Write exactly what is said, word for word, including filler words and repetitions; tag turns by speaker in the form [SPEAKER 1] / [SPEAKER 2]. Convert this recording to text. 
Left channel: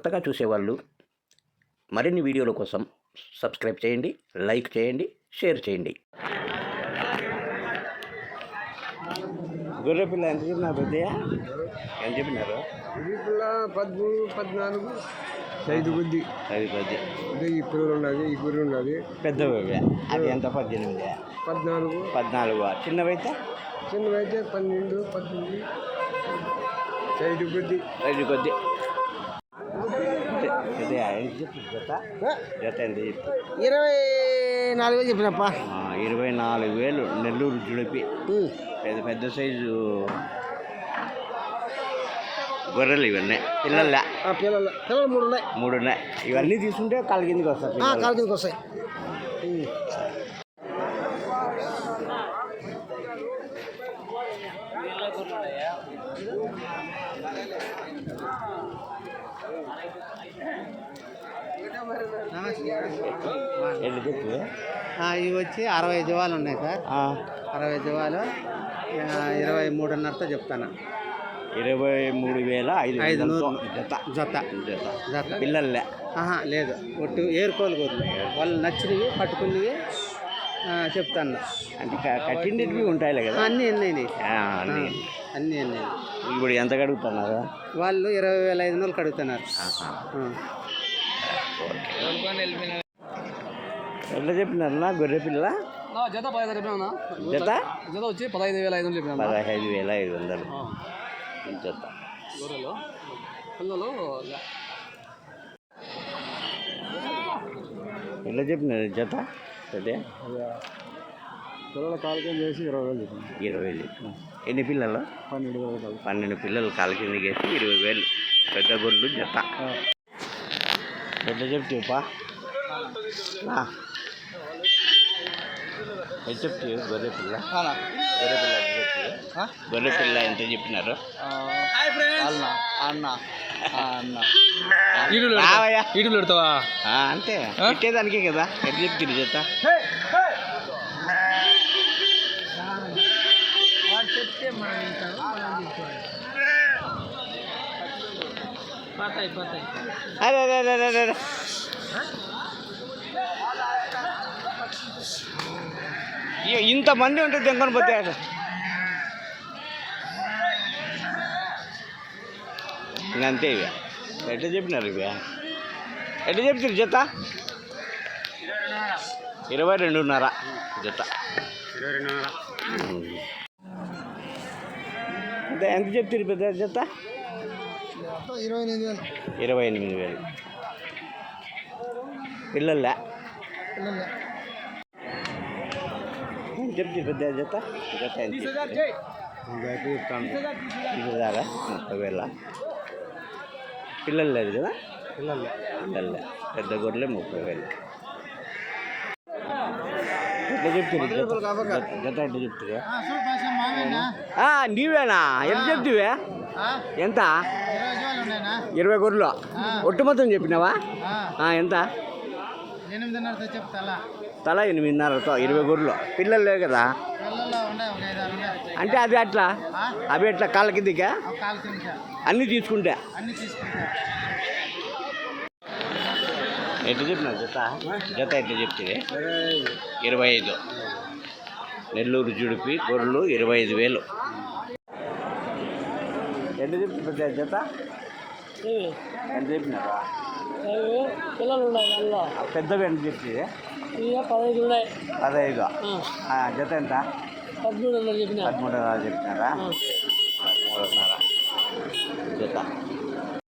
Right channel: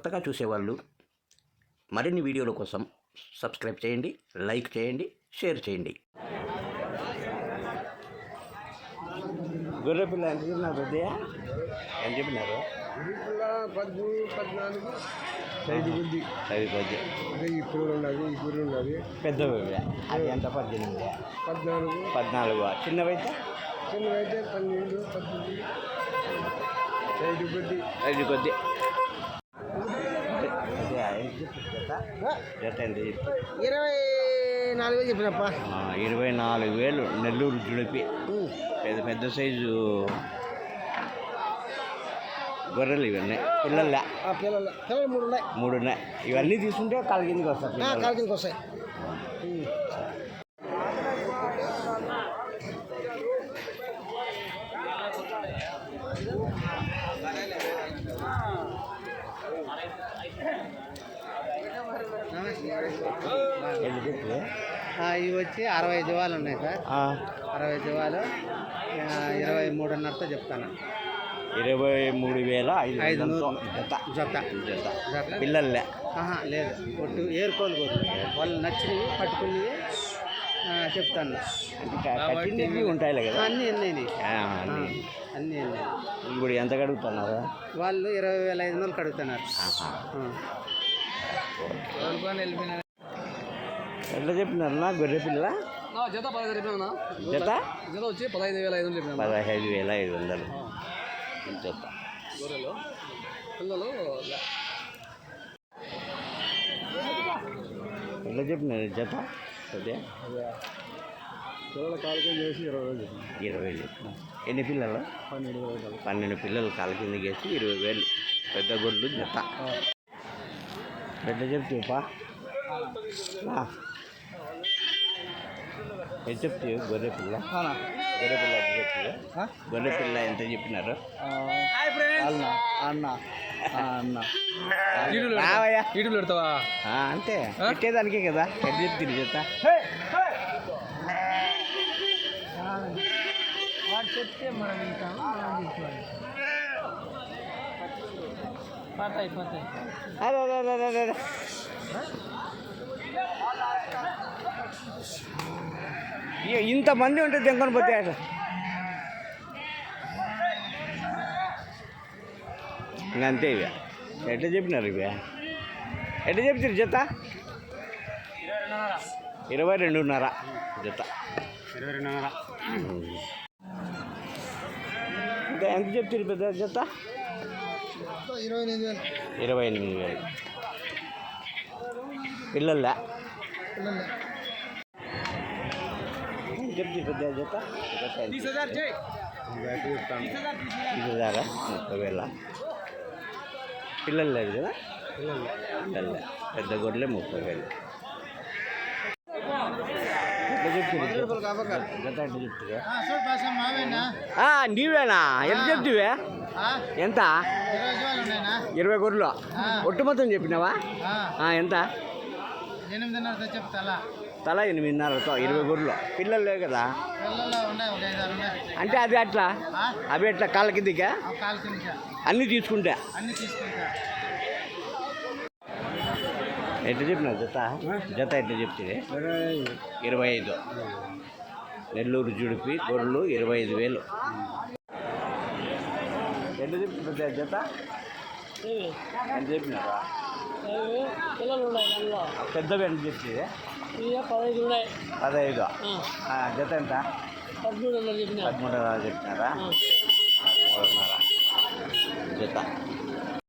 [SPEAKER 1] కొత్తగా చూసేవాళ్ళు మరిన్ని వీడియోల కోసం సబ్స్క్రైబ్ చేయండి, లైక్ చేయండి, షేర్ చేయండి. గొర్రె పిల్ల ఎంత చెప్పినారు పెద్దయ్య? ఎంత చెప్పినారు?
[SPEAKER 2] పద్నాలుగు ఐదు బుద్ధి
[SPEAKER 1] ఐదు పది
[SPEAKER 2] ఈ కూర ఉన్నది, ఈ కూర ఉన్నది.
[SPEAKER 1] పెద్దవి అది ఎంత? పద్దెనిమిది
[SPEAKER 2] పద్నాలుగు
[SPEAKER 1] పద్నాలుగు చిన్నవైతే
[SPEAKER 2] చిన్నవైతే పన్నెండు పద్దెనిమిది ఐదు కొద్ది
[SPEAKER 1] ఐదు కొద్ది జత ఎంత చెప్పి?
[SPEAKER 2] ఇరవై నాలుగు వేలు చెప్పినప్ప.
[SPEAKER 1] ఇరవై నాలుగు వేలు నెల్లూరు జుడిపి పెద్ద పెద్ద సైజు గొర్రెలు ఇవన్నీ. పిల్లల
[SPEAKER 2] పిల్లలు పిల్లలు మూడు ఉన్నాయి
[SPEAKER 1] మూడు ఉన్నాయి ఇవన్నీ తీసుకుంటే కాళ్ళ కిందకి వస్తాయి.
[SPEAKER 2] కాళ్ళ కిందకి వస్తాయి.
[SPEAKER 1] ఎన్ని చెప్పి?
[SPEAKER 2] ఇవి వచ్చి అరవై ఐదు వాళ్ళు ఉన్నాయి సార్. అరవై ఐదు వాళ్ళు ఇరవై మూడున్నరతో చెప్తాను.
[SPEAKER 1] ఇరవై మూడు వేల ఐదు
[SPEAKER 2] ఐదు
[SPEAKER 1] జత
[SPEAKER 2] జత
[SPEAKER 1] జత పిల్లలే
[SPEAKER 2] లేదు, ఒట్టు ఏరుకోలు పోతున్నాయి. వాళ్ళు నచ్చినవి పట్టుకున్నవి చెప్తాను.
[SPEAKER 1] అంటే కట్టినవి ఉంటాయి కదా?
[SPEAKER 2] అన్నీ అన్నీ
[SPEAKER 1] అన్నీ
[SPEAKER 2] అన్నీ అన్నీ.
[SPEAKER 1] ఇప్పుడు ఎంత కడుగుతున్నారు
[SPEAKER 2] వాళ్ళు? ఇరవై వేల ఐదు వందలు కడుగుతున్నారు.
[SPEAKER 1] ఎట్లా చెప్పినారు గొర్రె పిల్ల?
[SPEAKER 2] జత పదహైదు చెప్పినా.
[SPEAKER 1] జత
[SPEAKER 2] జత వచ్చి పదహైదు వేల ఐదు వందలు చెప్పిన.
[SPEAKER 1] పదహైదు వేల ఐదు వందలు జత. ఎట్లా చెప్పినారు జత? అదే
[SPEAKER 2] పిల్లల కాలకి చేసి ఇరవై వేలు చెప్పిన.
[SPEAKER 1] ఇరవై వేలు ఎన్ని పిల్లలు?
[SPEAKER 2] పన్నెండు వేలు
[SPEAKER 1] పన్నెండు పిల్లలు కాలు కిందకి వేసి ఇరవై వేలు పెద్ద గొర్రెలు జత. ఎట్లా చెప్తావుపా? ఎంత చెప్తావు గొర్రె పిల్ల? గొర్రె పిల్ల ఎంత చెప్తావు? గొర్రె పిల్ల ఎంత చెప్పినారు?
[SPEAKER 2] అన్న
[SPEAKER 1] పెడతావా? అంతే పెట్టేదానికే కదా. ఎట్లా చెప్తుంది జత?
[SPEAKER 2] చెప్తే
[SPEAKER 1] అరే అరే అరే అరే అరే ఇంతమంది ఉంటే దెంకొని పోతే ఇంకంతే. ఇక ఎట్లా చెప్పినారు? ఇక ఎట్లా చెప్తారు జత? ఇరవై రెండున్నర జత.
[SPEAKER 2] ఇరవై రెండున్నర
[SPEAKER 1] అంటే ఎంత చెప్తారు పెద్ద జత?
[SPEAKER 2] ఇరవై ఎనిమిది వేలు
[SPEAKER 1] ఇరవై ఎనిమిది వేలు పిల్లల చెప్తారు పెద్ద జత? జత ఇదారా ముప్పై వేల పిల్లలు లేదు కదా? పిల్లలే పెద్ద గొర్రెలే ముప్పై వేలు. ఎట్లా చెప్తారు జత? ఎట్లా చెప్తావా? నీవేనా? ఎంత చెప్తావే? ఎంత? ఇరవై గొర్రెలు ఒట్టు మొత్తం చెప్పినావా? ఎంత?
[SPEAKER 2] ఎనిమిదిన్నరతో చెప్తా.
[SPEAKER 1] తల ఎనిమిదిన్నరతో ఇరవై గొర్రెలు పిల్లలు లేవు కదా? అంటే అది అట్లా అవి ఎట్లా కాళ్ళ కిందకా? అన్నీ తీసుకుంటా ఎట్లా చెప్పినారు జత? జత ఎట్లా చెప్తే? ఇరవై ఐదు నెల్లూరు జుడిపి గొర్రెలు ఇరవై ఐదు వేలు. ఎట్లా చెప్తున్నారు జత? ఎంత చెప్పినారా?
[SPEAKER 2] పిల్లలు ఉన్నాయి.
[SPEAKER 1] పెద్దవి ఎంత చెప్తే?
[SPEAKER 2] పదహైదు ఉన్నాయి.
[SPEAKER 1] పదహైదు జత ఎంత?
[SPEAKER 2] పదమూడున్నర చెప్పిన.
[SPEAKER 1] పదమూడున్నర చెప్పినారా? పదమూడున్నర జత.